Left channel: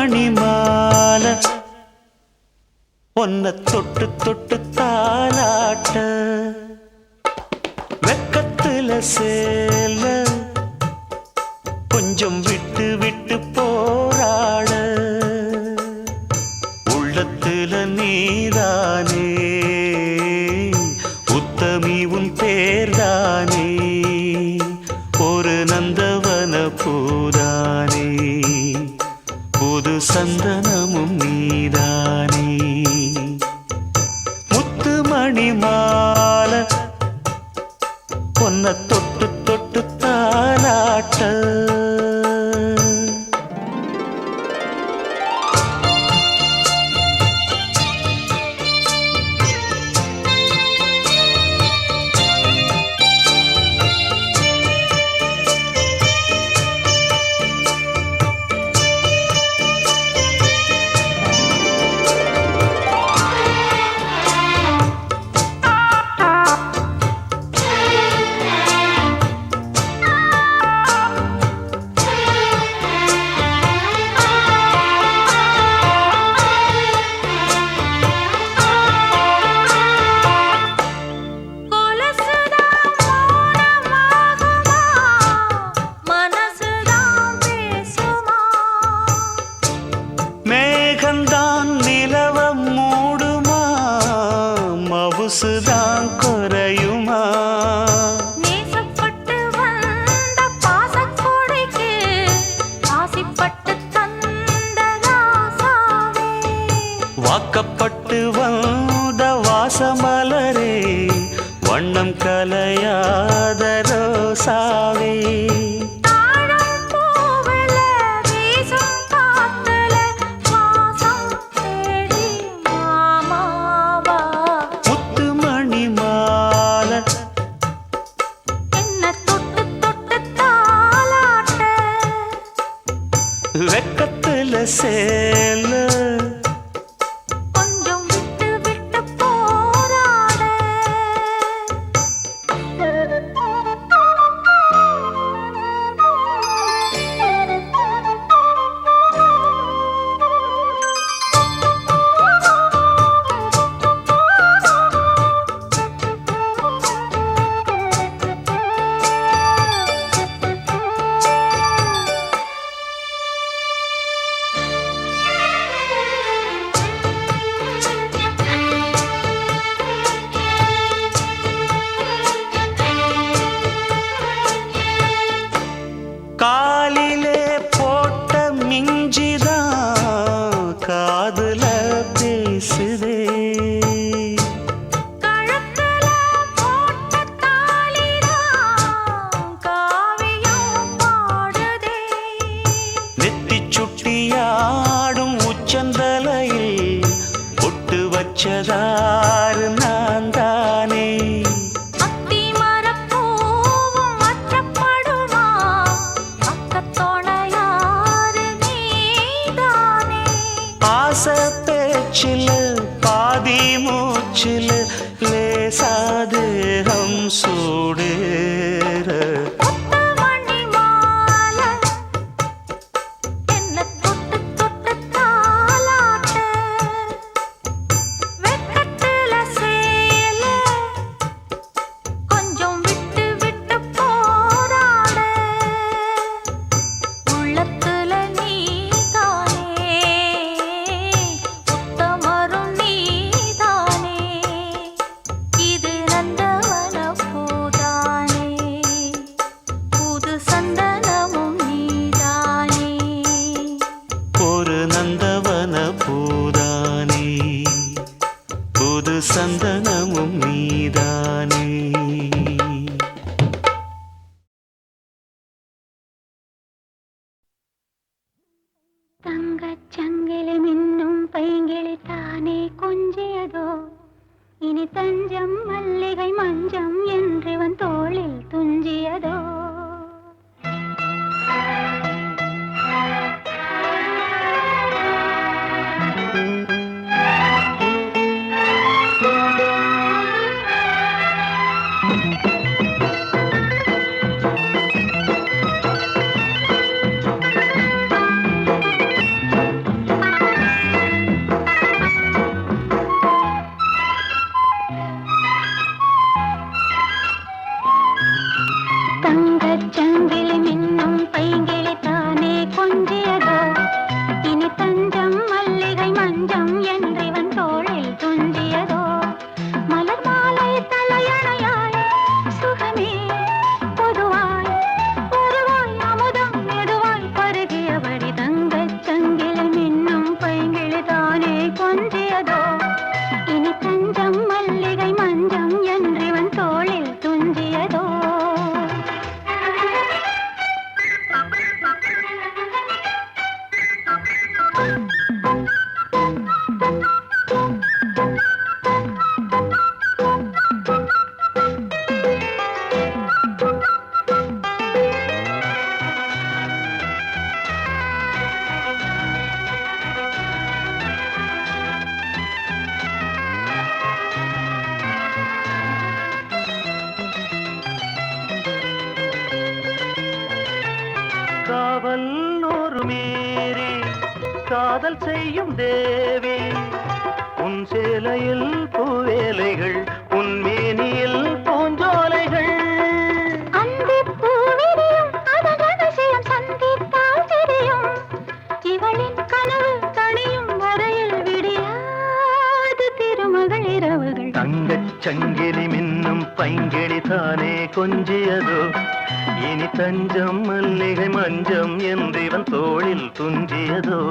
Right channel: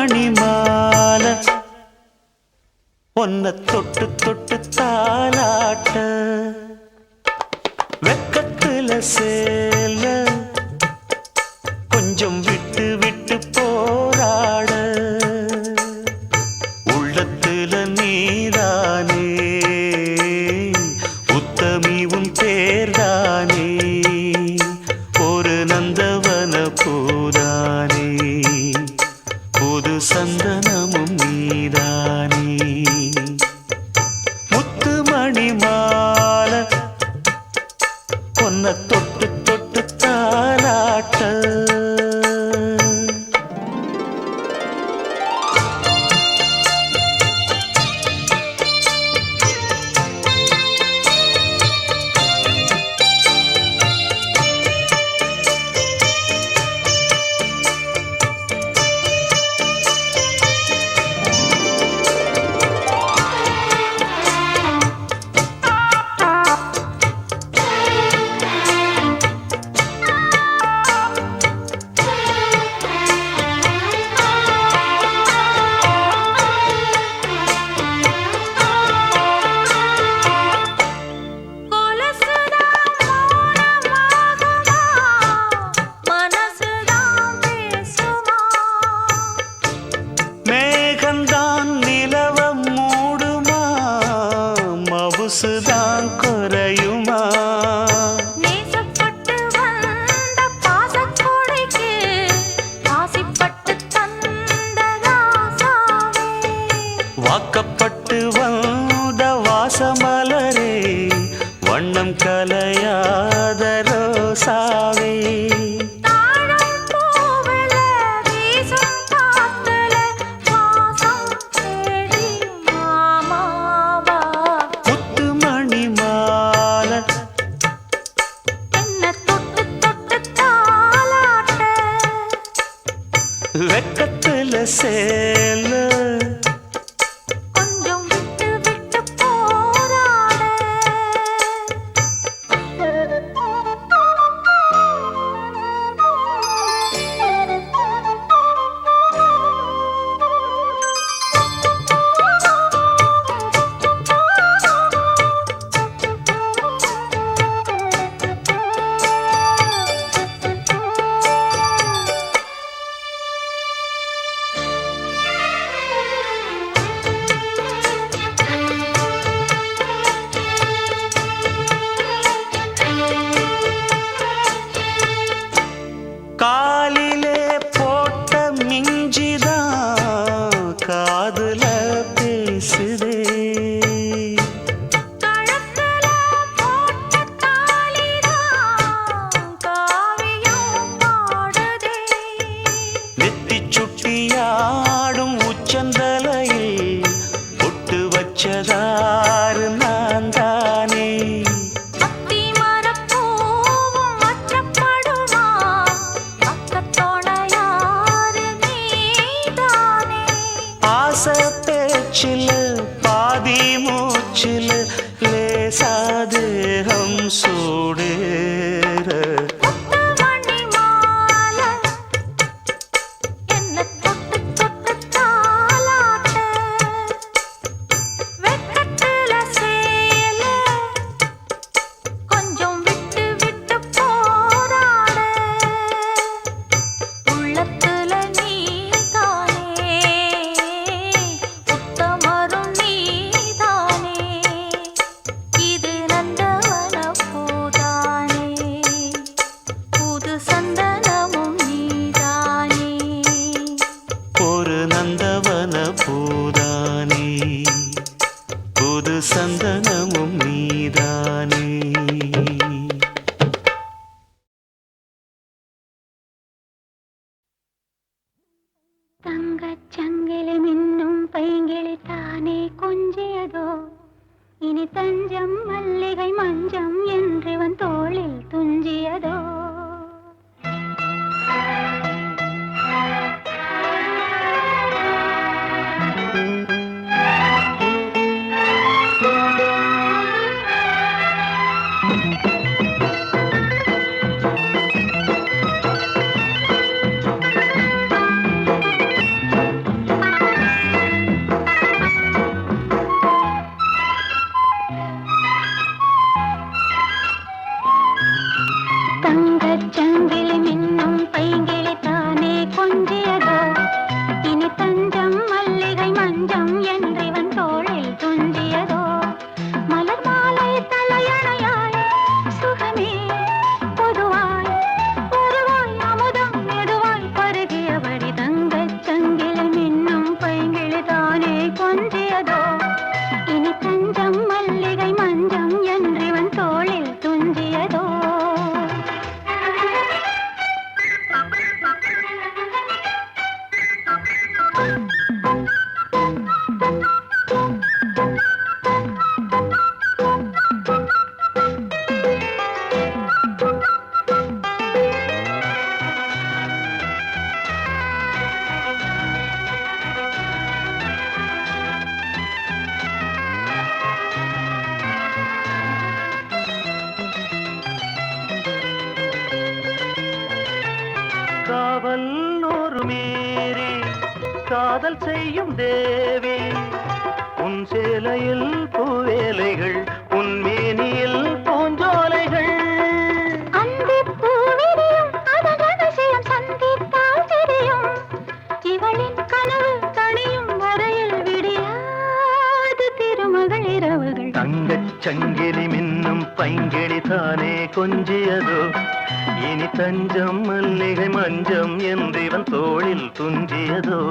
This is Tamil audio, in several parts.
மணி மாலை ஒன்ன தொட்டு தொட்டு தாலாட்ட வெக்கத்துல சேல கொஞ்சம் விட்டு விட்டு போராட உள்ளத்துல நீதானே உத்தமி உன் பேர்தானே ஒரு நந்தவன பூதானே புது சந்தனமும் நீதானே முத்து மணி மாலை பொன்ன தொட்டு தொட்டு தாலாட்ட மேகந்தான் நிலவ மூடுமா மவுசுதான் குறையுமா நேசப்பட்டு வந்த பாசக்கொடைக்கு ஆசிப்பட்டு தந்த ராசாவே வாக்கப்பட்டு வந்த வாசமலரே வண்ணம் கலையாத ரோசாவே வெக்கத்துல சேல கொஞ்சம் விட்டு விட்டு போராட காலிலே போட்ட மிஞ்சிதான் காதுல பேசுதே கழுத்துல போட்ட தாலிதான் காவியம் பாடுதே நெத்தி சுட்டியாடும் உச்சந்தலையில் பொட்டு வச்சதாறு நான் தானே ஆசை பேச்சில் பாதி மூச்சில் லேசாதேகம் சூடேற மணி மாலை என்ன தொட்டு தொட்டு தாலாட்ட வெக்கத்துல சேல கொஞ்சம் விட்டு விட்டு போராட உள்ளத்துல நீதானே உத்தமரும் நீதானே இது நந்தவன பூதானே புது சந்தனமும் நீதானே ஒரு நந்தவன பூதானே புது சந்தனமும் நீதானே தங்கச் சங்கிலி மின்னும் பைங்கிளி தானே கொஞ்சியதோ இனி தஞ்சம் மல்லிகை மஞ்சம் என்றிவன் தோளில் துஞ்சியதோ நூறு மீறி காதல் செய்யும் தேவி உன் சேலையில் பூவேலைகள் உன் மேனியில் பூஞ்சோலைகள் அந்திப் பூவிரியும் அதன் ரகசியம் சந்தித்தால் தெரியும். இவளின் கனவு தணியும் வரையில் விடியாது திருமகள் இரவுகள். தங்கச் சங்கிலி மின்னும் பைங்கிளி தானே கொஞ்சியதோ இனி தஞ்சம் மல்லிகை மஞ்சம் என்றிவன் தோளில் துஞ்சியதோ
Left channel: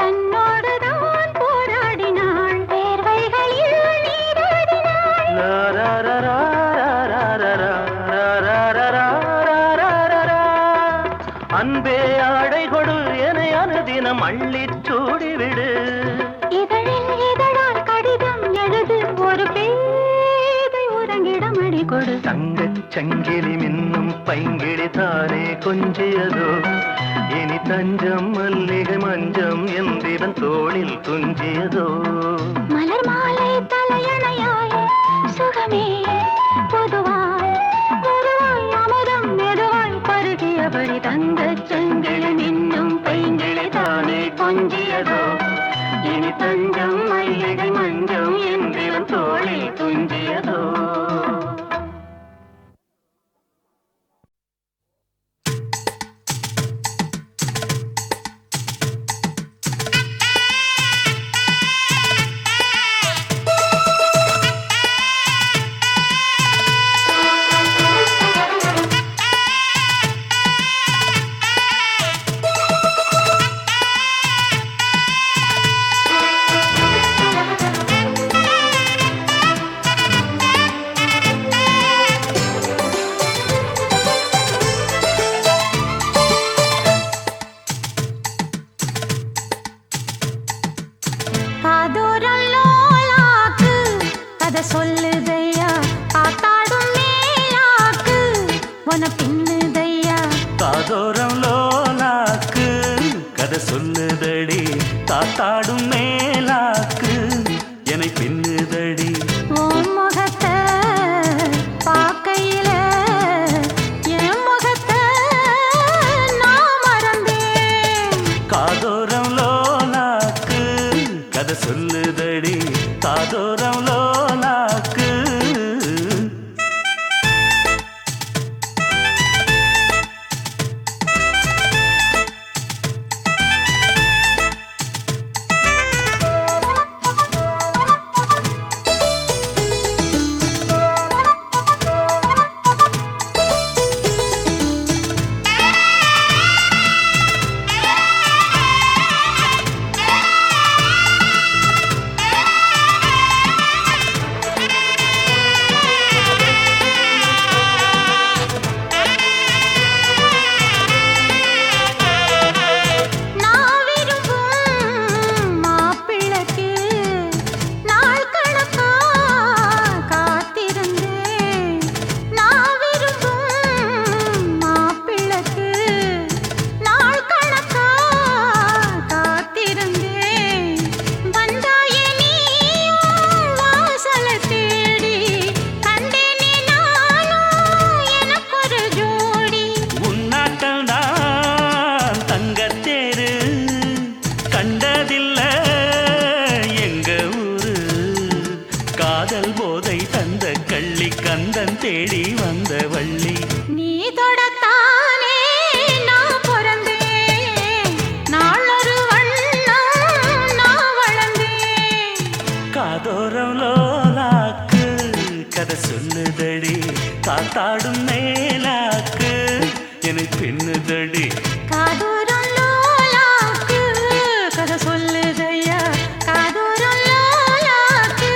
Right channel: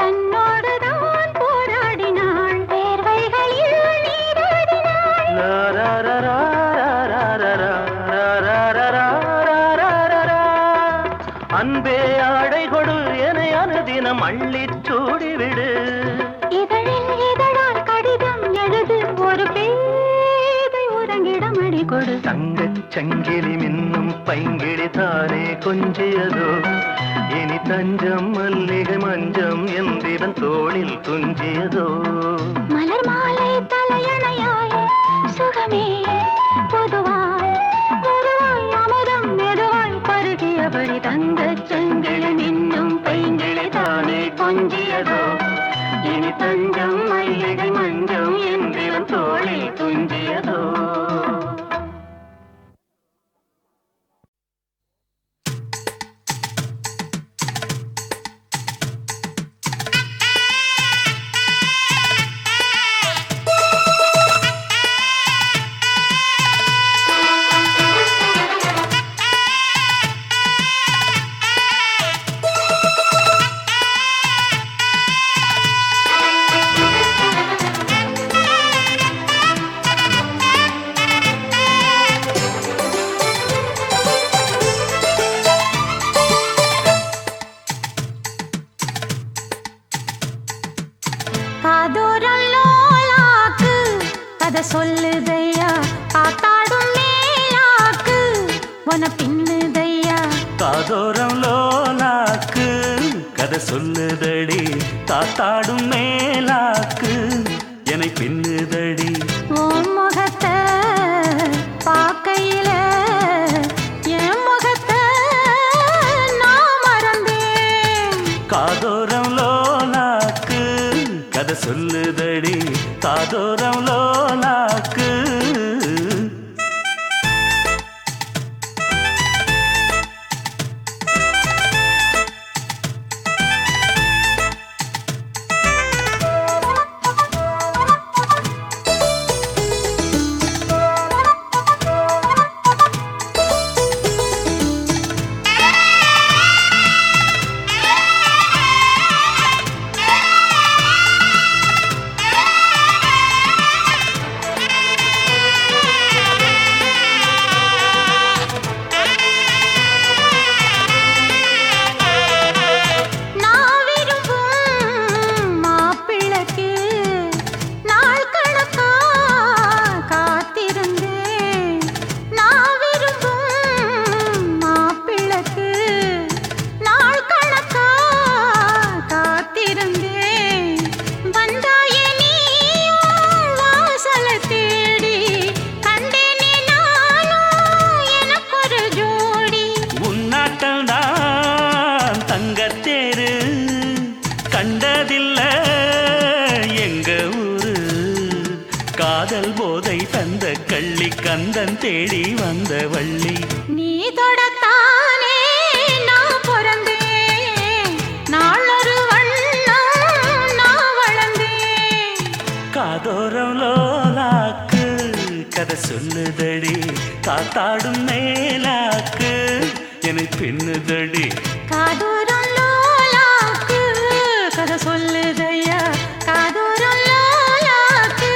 தன்னோடுதான் போராடினாள் வேர்வைகளில் நீராடினாள். அன்பே ஆடை கொடு என அனுதினம் அள்ளிச் சூடிவிடு. இதழில் இதழால் கடிதம் எழுது ஒரு பேதை உறங்கிடம் அடி கொடு. தங்கச் சங்கிலி மின்னும் பைங்கிளி தானே கொஞ்சியதோ இனி தஞ்சம் மல்லிகை மஞ்சம் என்றிவன் தோளில் துஞ்சியதோ மலர் மாலை தலையணையாய் சுகமே பொதுவாய் பொதுவாய் அமுதம் மெதுவாய் பருகியபடி தங்கச் சங்கிலி மின்னும் பைங்கிளி தானே கொஞ்சியதோ இனி தஞ்சம் மல்லிகை மஞ்சம் என்றிவன் தோளில் துஞ்சியதோ. காதோரம் லோலாக்கு கதை சொல்லுதையா காத்தாடும் மேலாக்கு உன பின்னுதையா. காதோரம் லோலாக்கு கதை சொல்லுதடி காத்தாடும் மேலாக்கு என்னை பின்னுதடி. உன் முகத்தை பார்க்கையில என் முகத்தை நான் மறந்தேன். காதோரம் லோலாக்கு கதை சொல்லுதடி காதோரம் லோலாக்கு. நான் விரும்பும் மாப்பிள்ளைக்கு நாள் கணக்கா காத்திருந்தேன். நான் விரும்பும் மாப்பிள்ளைக்கு நாள் கணக்கா காத்திருந்தேன். வந்தாயே நீயும் வாசலை தேடி கண்டேனே நானும் எனக்கொரு ஜோடி. உன்னாட்டம் தான் தங்கத்தேரு கண்டதில்ல எங்க ஊரு. காதல் போதை தந்த கள்ளி கந்தன் தேடி வந்த வள்ளி. நீ தொடத்தானே நான் பிறந்தேன் நாளொரு வண்ணம் நான் வளர்ந்தேன். காதோரம் லோலாக்கு கதை சொல்லுதடி காத்தாடும் மேலாக்கு என்னை பின்னுதடி காதோரம் லோலாக்கு கதை சொல்லுதையா காதோரம் லோலாக்கு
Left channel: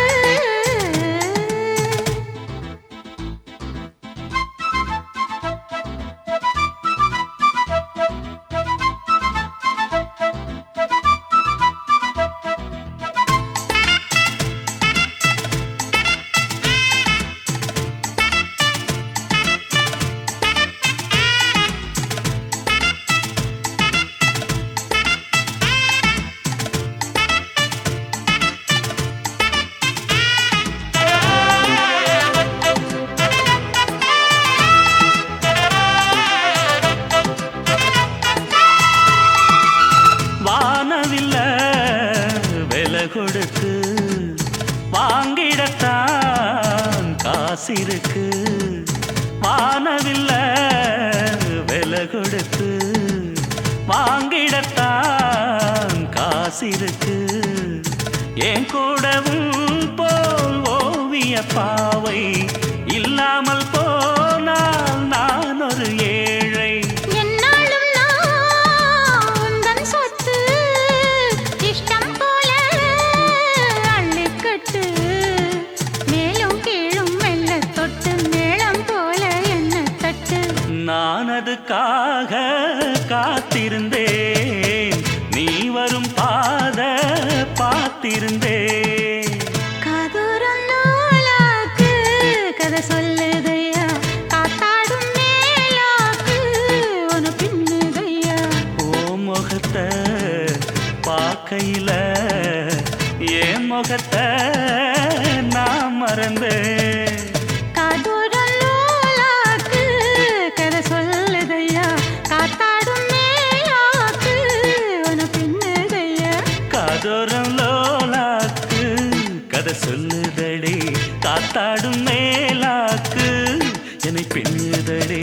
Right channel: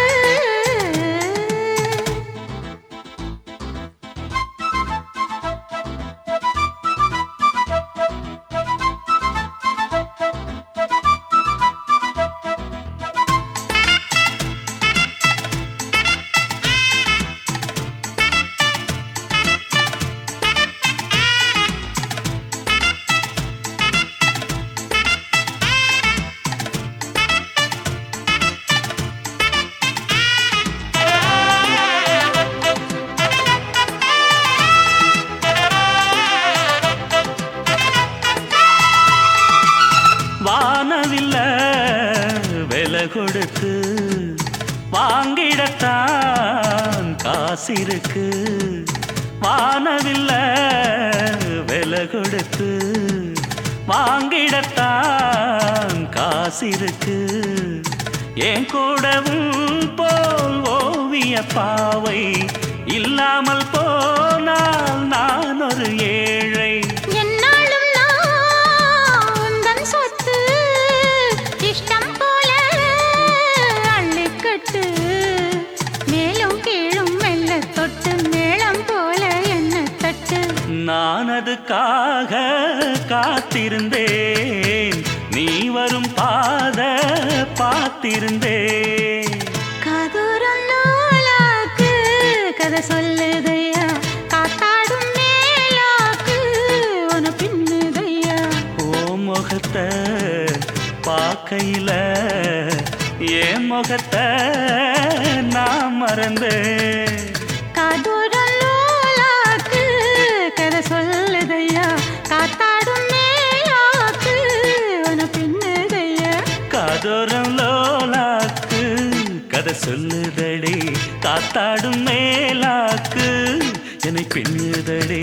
வானவில்ல விலை கொடுத்து வாங்கிடத்தான் காசிருக்கு வானவில்ல விலை கொடுத்து வாங்கிடத்தான் காசிருக்கு என் கூடவும் போல் ஓவிய பாவை இல்லாமல் போனால் நான் ஒரு ஏழை என்னாலும் நான் உந்தன் சொத்து இஷ்டம் போல அள்ளிக்கட்டு மேலும் கீழும் மெல்ல தொட்டு மேளம் போல என்ன தட்டு நான் அதுக்காக காத்திருந்தேன் நீ வரும் பாத பார்த்திருந்தேன் காதோரம் லோலாக்கு கதை சொல்லுதையா காத்தாடும் மேலாக்கு உன பின்னுதையா ஓ முகத்தை பார்க்கையில என் முகத்தை நான் மறந்தேன் காதோரம் லோலாக்கு கதை சொல்லுதையா காத்தாடும் மேலாக்கு உன பின்னுதையா காதோரம் லோலாக்கு கதை சொல்லுதடி காத்தாடும் மேலாக்கு என்னை பின்னுதடி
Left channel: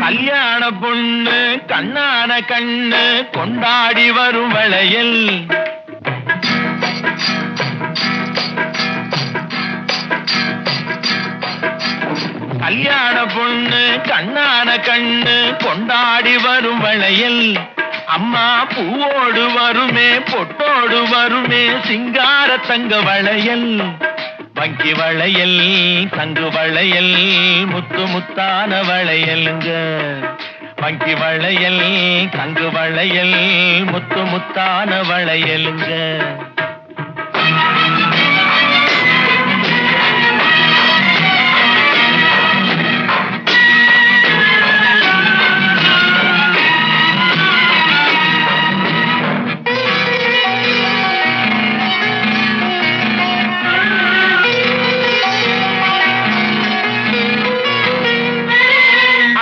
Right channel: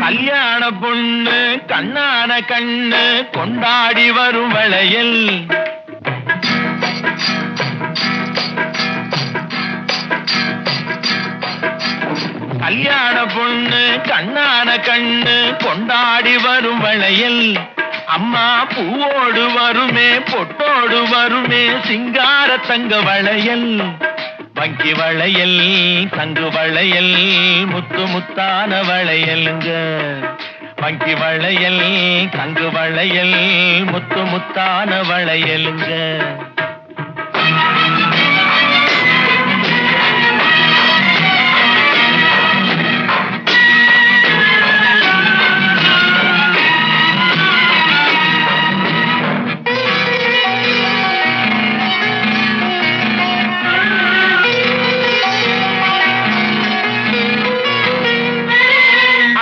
கல்யாண பொண்ணு கண்ணான கண்ணு கொண்டாடி வரும் வளையல் கல்யாண பொண்ணு கண்ணான கண்ணு கொண்டாடி வரும் வளையல் அம்மா பூவோடு வருமே பொட்டோடு வருமே சிங்கார தங்க வளையல் வங்கி வளையல் தங்கு வளையல் முத்து முத்தான வளையலுங்க வங்கி வளையல் தங்கு வளையல் முத்து முத்தான வளையலுங்க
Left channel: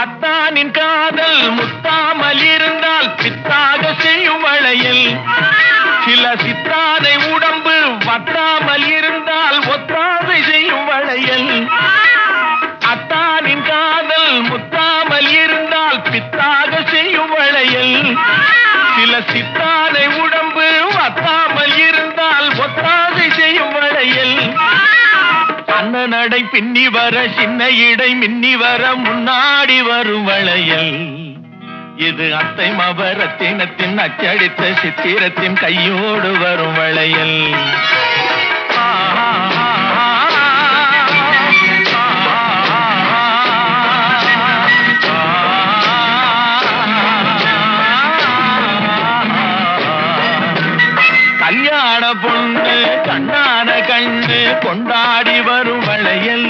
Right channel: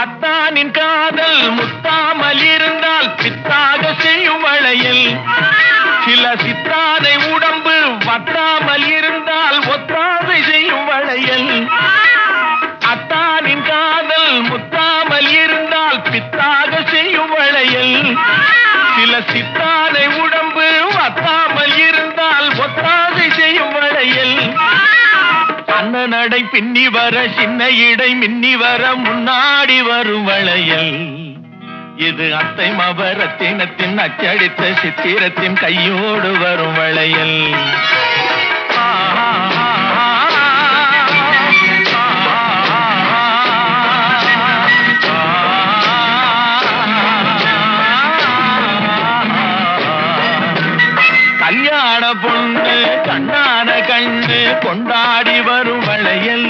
அத்தானின் காதல் முத்தாமல் இருந்தால் பித்தாக செய்யும் வளையல் சில சித்தாதை உடம்பு வத்தாமல் இருந்தால் ஒத்தாதை செய்யும் வளையல் அத்தானின் காதல் முத்தாமல் இருந்தால் பித்தாக செய்யும் வளையல் சில சித்தாதை உடம்பு வத்தாமல் இருந்தால் ஒத்தாதை செய்யும் வளையல் அண்ண நடை பின்னி வர சின்ன இடை மின்னி வர முன்னாடி வரும் வளையல் இது அத்தை மபரத்தினத்தின் அச்சடித்த சித்திரத்தின் கையோடு வரும் வளையல் கல்யாண பொண்ணு கண்ணான கண்ணு கொண்டாடி வரும் வளையல்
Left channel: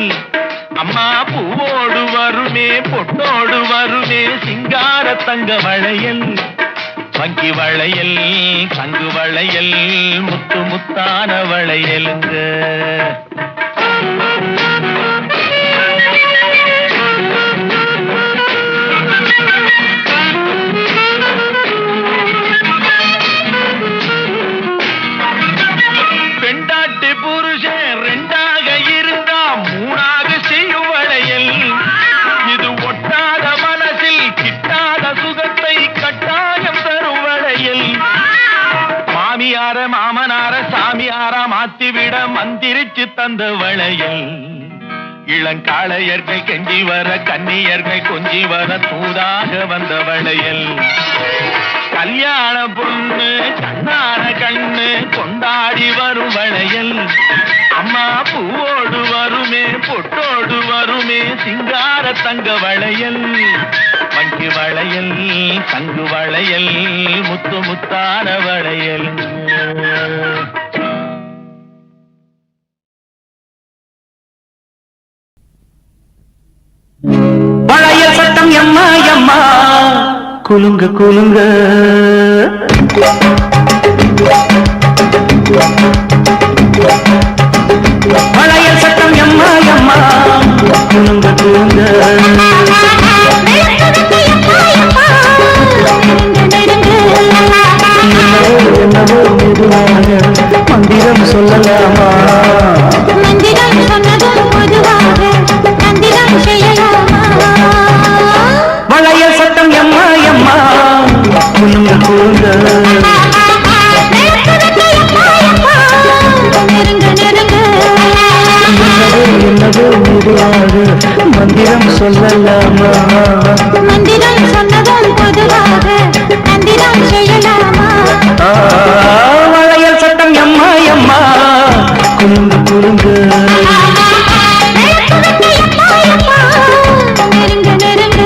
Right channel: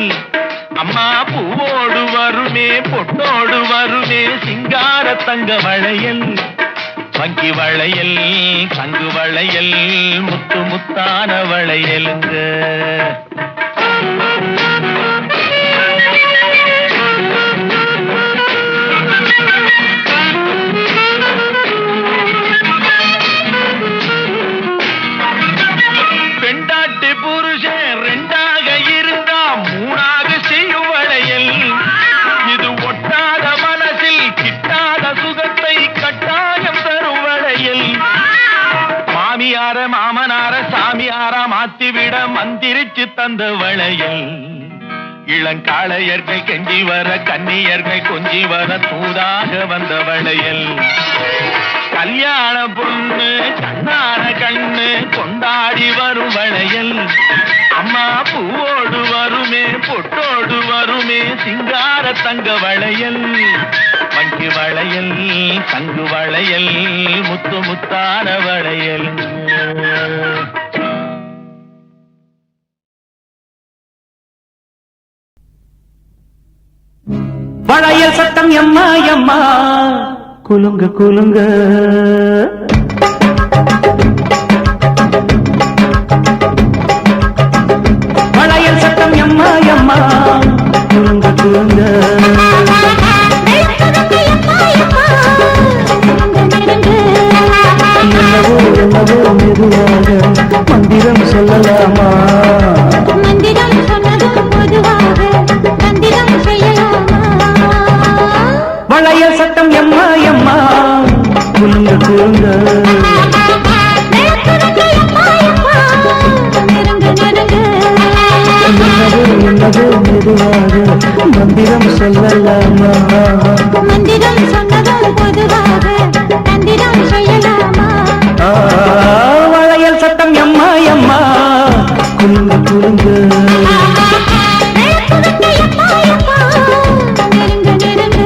அம்மா பூவோடு வருமே பொட்டோடு வருமே சிங்கார தங்க வளையல் வங்கி வளையல் தங்கு வளையல் முத்து முத்தான வளையலுங்க மாத்திவிட மந்திரிச்சு தந்த வளையல் இளங்காளையர்கள் கெஞ்சி வர கன்னியர்கள் கொஞ்சி வர தூதாக வந்த வளையல் கல்யாண பொண்ணு கண்ணான கண்ணு கொண்டாடி வரும் வளையல் அம்மா பூவோடு வருமே பொட்டோடு வருமே சிங்கார தங்க வளையல் வங்கி வளையல் தங்கு வளையல் முத்து முத்தான வளையல் வளையல் சட்டம் எம்மா எம்மா குலுங்க குலுங்க வளையல் சட்டம் எம்மா எம்மா குலுங்க குலுங்க என்னவோ மெதுவாக மந்திரம் சொல்லலாமா மந்திரம் சொன்னதும் பொதுவாக மந்திரம் செய்யலாமா வளையல் சட்டம் எம்மா எம்மா குலுங்க குலுங்க என்னவோ மெதுவாக மந்திரம் சொல்லலாமா மந்திரம் சொன்னதும் பொதுவாக மந்திரம் செய்யலாமா வளையல் சட்டம் எம்மா எம்மா குலுங்க குலுங்க நெருங்க நெருங்க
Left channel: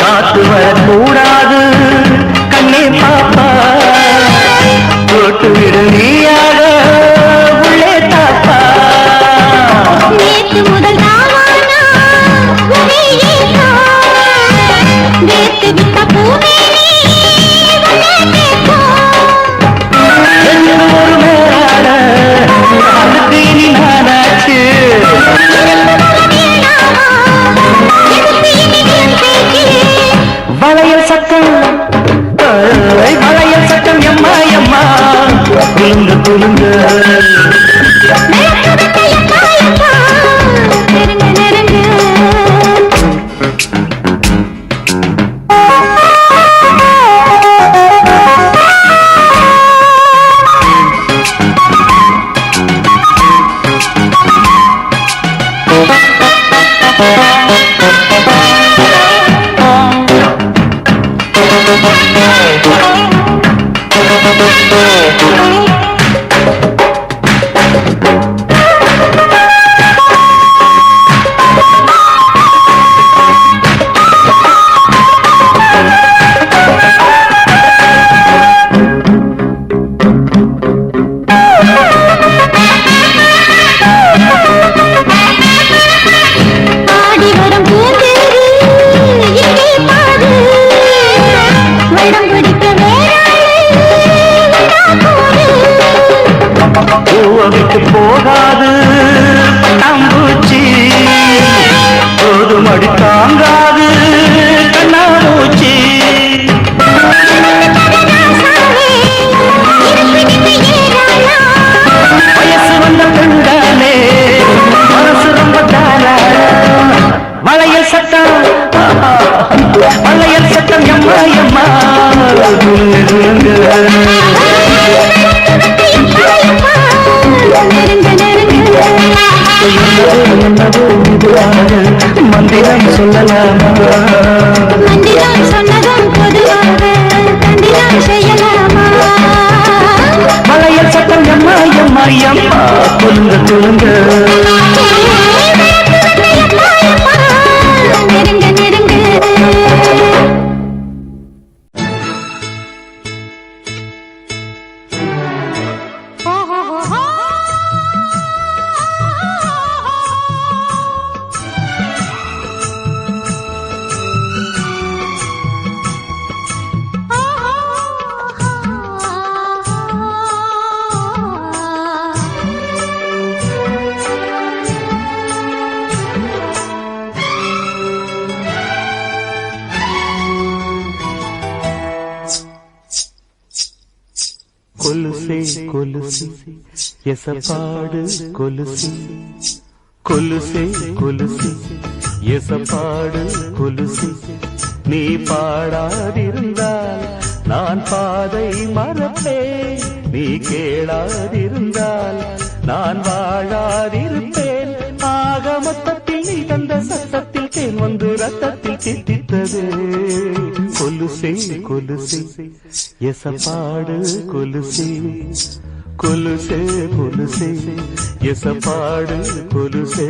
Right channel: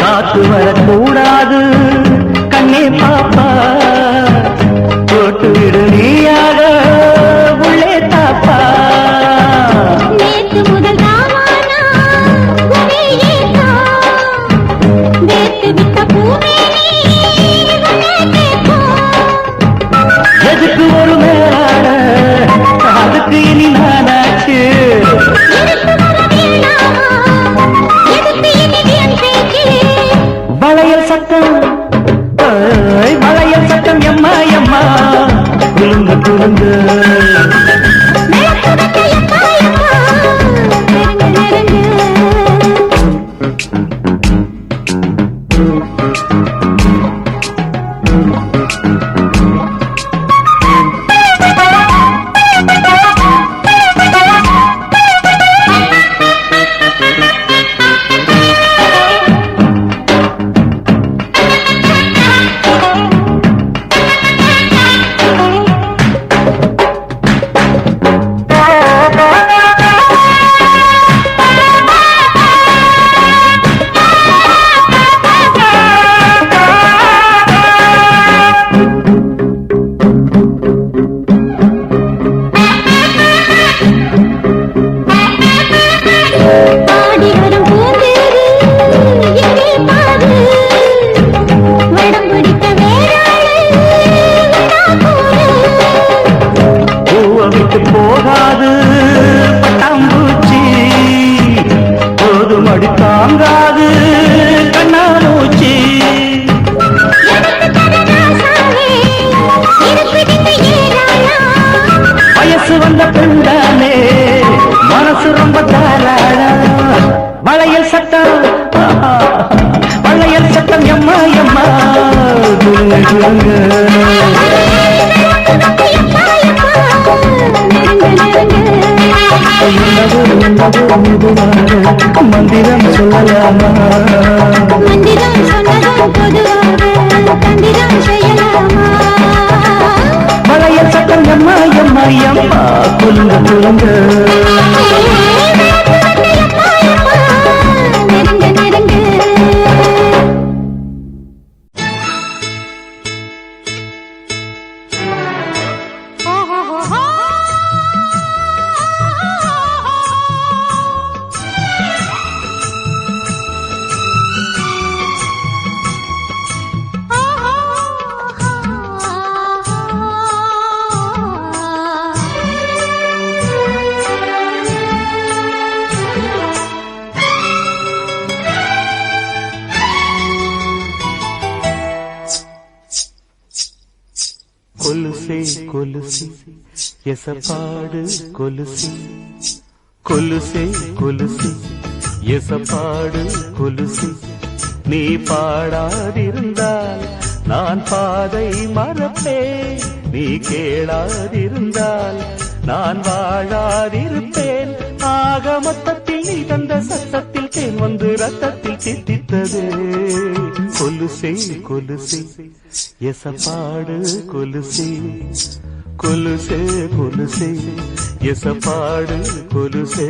காத்து வரக்கூடாது கண்ணே பாப்பா போட்டு விடு நீயாக உள்ளே தாப்பா நேத்து முதல் நாளானா உன்னையேதா நேத்து விட்ட பூமேனி உன்னையேதா என்று ஒரு மேலாட அதுக்கு இனி நானாச்சு வளையல் சட்டம் வளையல் சட்டம் எம்மா எம்மா குலுங்க குலுங்க நெருங்க நெருங்க ஆடி வரும் பூந்தேரு இங்கே பாரு வடம் பிடிக்க பூவை விட்டு போகாது பட்டாம்பூச்சி போதுமடி தாங்காது கண்ணாமூச்சி வயசு வந்த பெண்தானே மனசு ரொம்ப தாராளம் வளையல் சட்டம் வளையல் சட்டம் எம்மா எம்மா குலுங்க குலுங்க நெருங்க நெருங்க என்னவோ மெதுவாக மந்திரம் சொல்லலாமா மந்திரம் சொன்னதும் பொதுவாக தந்திரம் செய்யலாமா வளையல் சட்டம் எம்மா எம்மா எம்மா குலுங்க குலுங்க கொலுசி எசப்பாடு கொலுசி கொலுசே கொலுசி எசப்பாடு கொலுசி நீ பாடாதிருந்தால் நான் பாதை மறப்பேன் நீ கேளாதிருந்தால் நான் வாழாதிருப்பேன் ஆக மொத்தத்தில் நீ தந்த சத்தத்தில் தேன் வந்து ரத்தத்தில் தித்தித்தது கொலுசே கொலுசி எசப்பாடு கொலுசி கொலுசே கொலுசி எசப்பாடு கொலுசே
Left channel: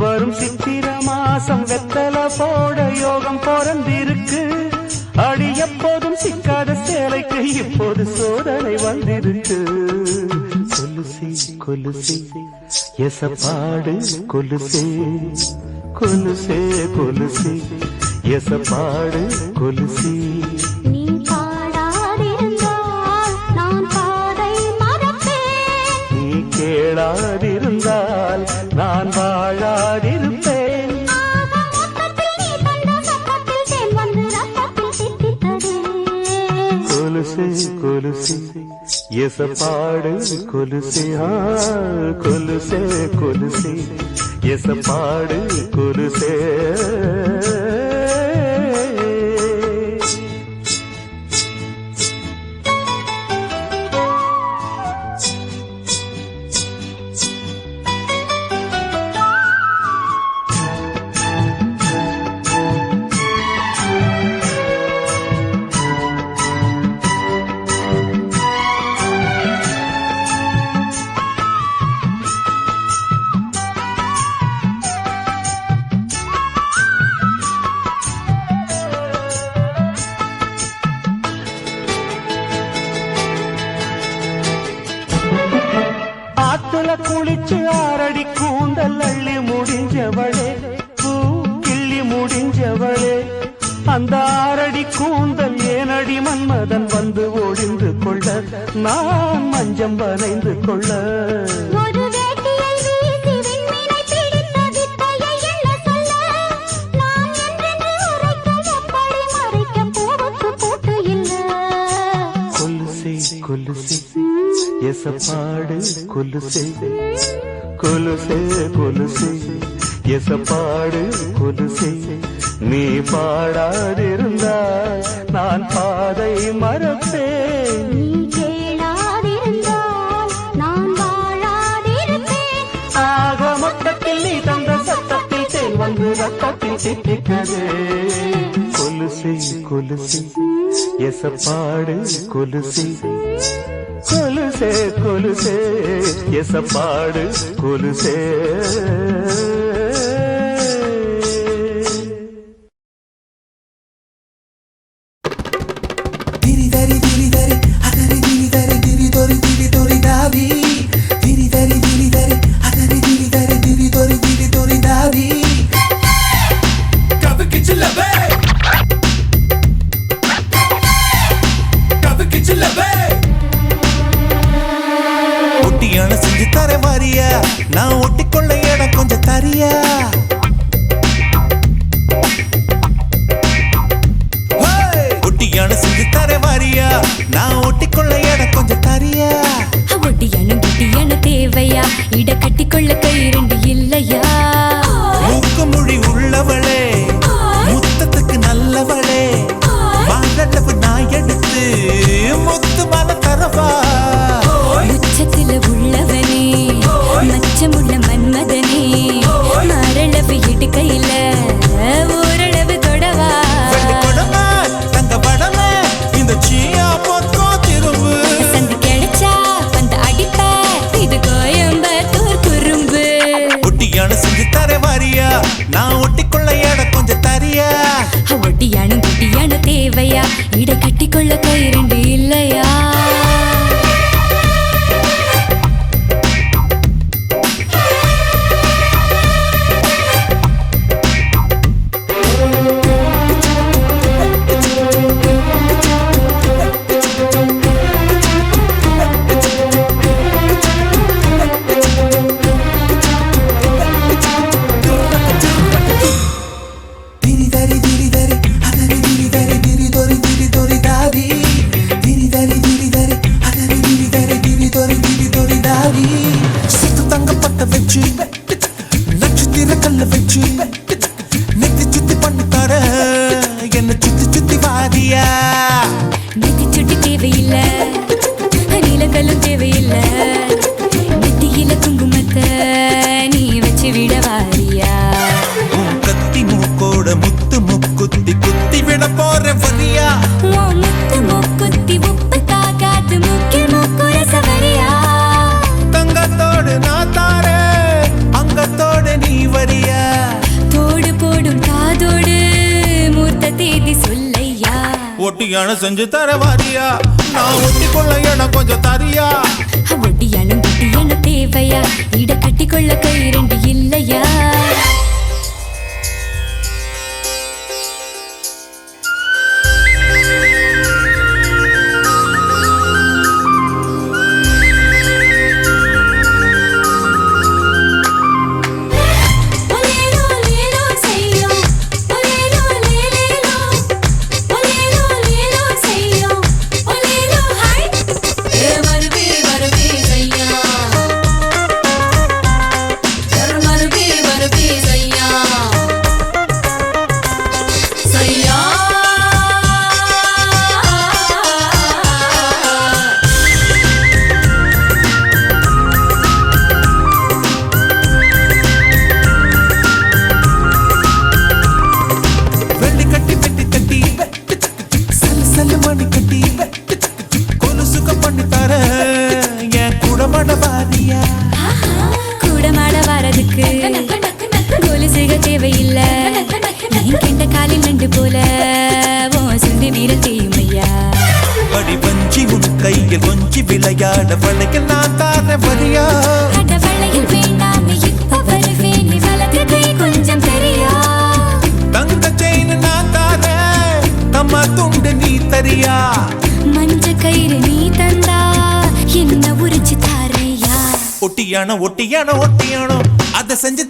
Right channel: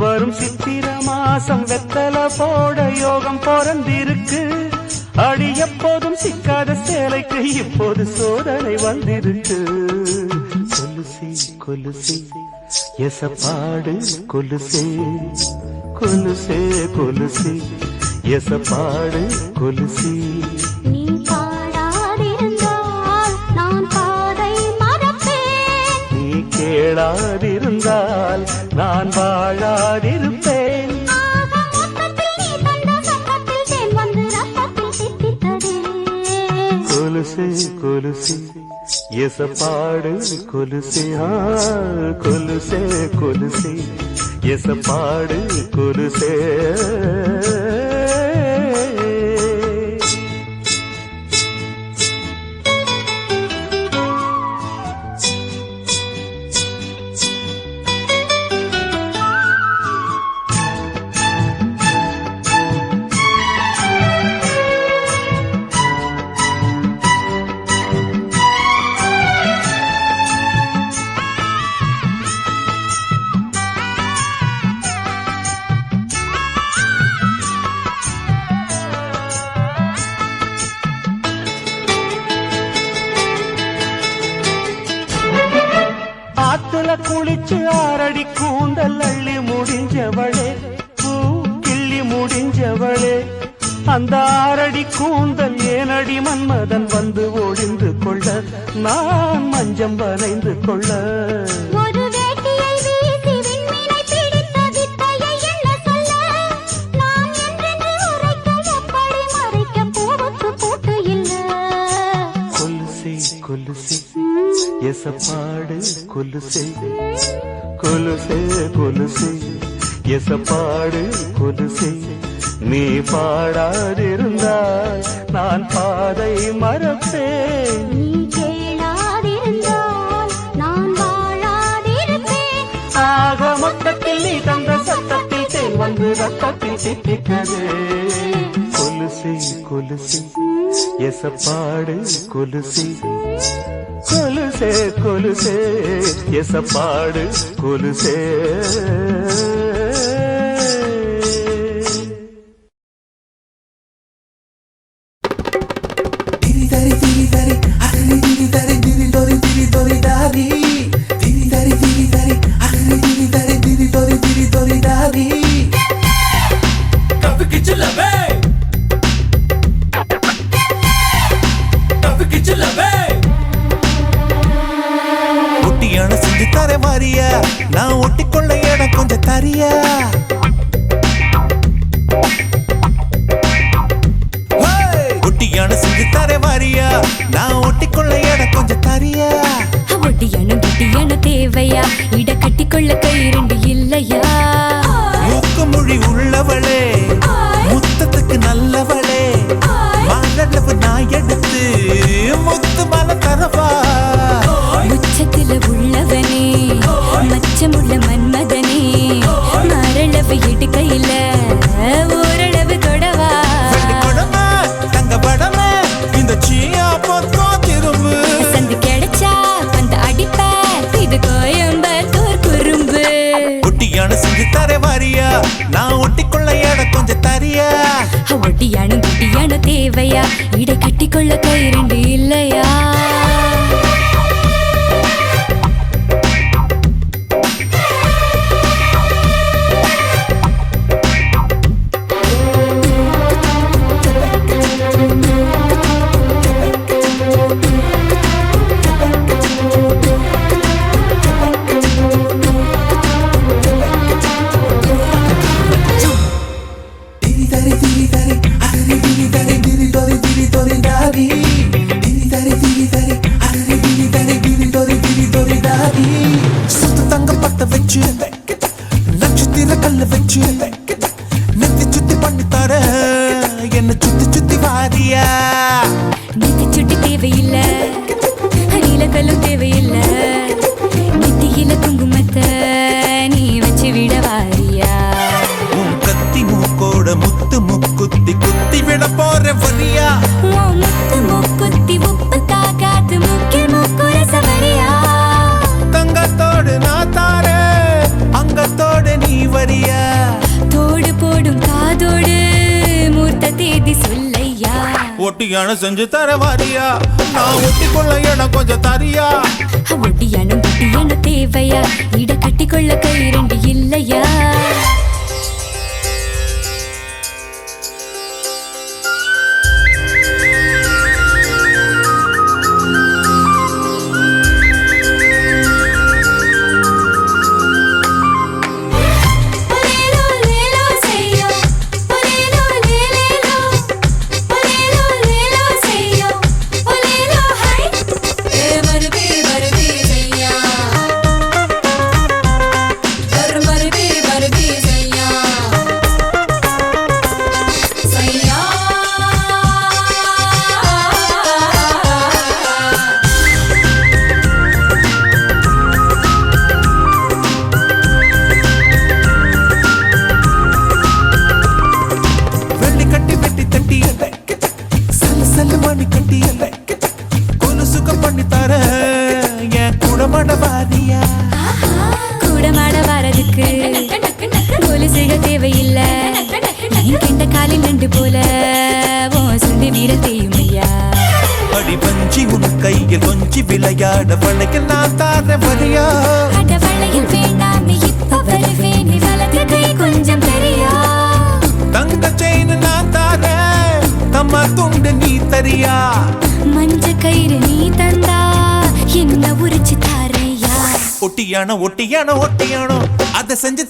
வரும் சித்திர மாசம் வெத்தல போட யோகம் பிறந்திருக்கு அடி எப்போதும் சிக்காத சேலைக்கு இப்போது சோதனை வந்திருக்கு கொலுசி கொலுசி எசப்பாடு கொலுசி கொலுசே கொலுசி எசப்பாடு கொலுசி நீ பாடாதிருந்தால் நான் பாதை மறப்பேன் நீ கேளாதிருந்தால் நான் வாழாதிருப்பேன் கொலுசே கொலுசி எசப்பாடு கொலுசி கொலுசே கொலுசி எசப்பாடு கொலுசே குளிச்சு ஆரடி கூந்தல் அள்ளி முடிஞ்சவளே பூ கிள்ளி முடிஞ்சவளே அந்த ஆரடி கூந்தல் ஏனடி மன்மதன் வந்து ஒழிந்து கொள்ள நான் மஞ்சம் வரைந்து கொள்ள கொலுசி எசப்பாடு கொலுசி கொலுசே கொலுசி எசப்பாடு கொலுசி நீ பாடாதிருந்தால் நான் பாதை மறப்பேன் நீ கேளாதிருந்தால் நான் வாழாதிருப்பேன் ஆக மொத்தத்தில் நீ தந்த சத்தத்தில் தேன் வந்து ரத்தத்தில் தித்திக்கது கொலுசி கொலுசி எசப்பாடு கொலுசி கொலுசே கொலுசே எசப்பாடு கொலுசே திரிதரி திரிதரி அதரி திரிதரி திரிதொரி திரிதொரி தாவி திரிதரி திரிதரி அதரி திரிதரி திரிதொரி திரிதொரி தாவி கபக்கு சில்லவே கபக்கு சில்லவே ஒட்டியான செஞ்சு தர மாறியா நான் ஒட்டிக்கொள்ள இடம் கொஞ்சம் தரியா ஒட்டியான செஞ்சு தர மாறியா நான் ஒட்டிக்கொள்ள இடம் கொஞ்சம் தரியா ஒட்டியானும் கெட்டியான தேவையா இட கட்டிக்கொள்ள கை இரண்டு இல்லையா மூக்கு மொழி உள்ளவளே முத்தத்துக்கு நல்லவளே மாதளவு நான் எடுத்து முத்து மன தரவா உச்சத்தில உள்ளவனே மச்சமுள்ள மன்மதனே மரளவு இடுக்கையில ஓரளவு தொடவா தங்க படம் இல்ல நெத்தியில குங்குமத்தை நீ வச்சு விட வாரியா உன் கத்தி மூக்கோட முத்து முக்குத்தி குத்தி விட போற வரியா உன் முத்து மூக்குத்தி உப்பு தாக்காத்து மூக்கில் மூக்குற சவரியா தங்கத்தோடு நான் தாரே அங்கத்தோடு நீ வரியா தோடு போடும் காதோடு மூர்த்த தேதி சொல்லையா ஒட்டியான செஞ்சு தர வாரியா நான் ஒட்டி கொள்ள என கொஞ்சம் தரியா ஒட்டியானும் குட்டியான தேவையா இட கட்டிக்கொள்ள கை ரெண்டு இல்லையா கூடமாட வரதுக்கு கொலுசுக தேவையில்ல நீ கெண்ட காலில் நண்டு போல சுண்டி வீர செய்யுமையா படி வஞ்சி உன் கையில் கொஞ்சி விளையாட வளையில் நான் தார வரியா அட வளையில் வேண்டாமே இப்ப வருவேன் நீ வலது கை கொஞ்சம் தெரியா தங்க செயின் நான் தார தம்மா துண்டு நீ தரியா மஞ்ச கயிறு நீ தந்தா என்ன உரிச்சு தாரையா ஒட்டியானோ ஒட்டியானோ ஒட்டியானோ அதை செஞ்சு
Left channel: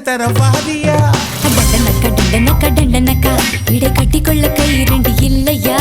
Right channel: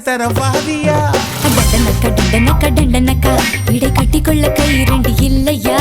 தர வாரியா டண்டனக்கா டண்டனக்கா டண்டனக்கா இடை கட்டிக்கொள்ள கை ரெண்டு இல்லையா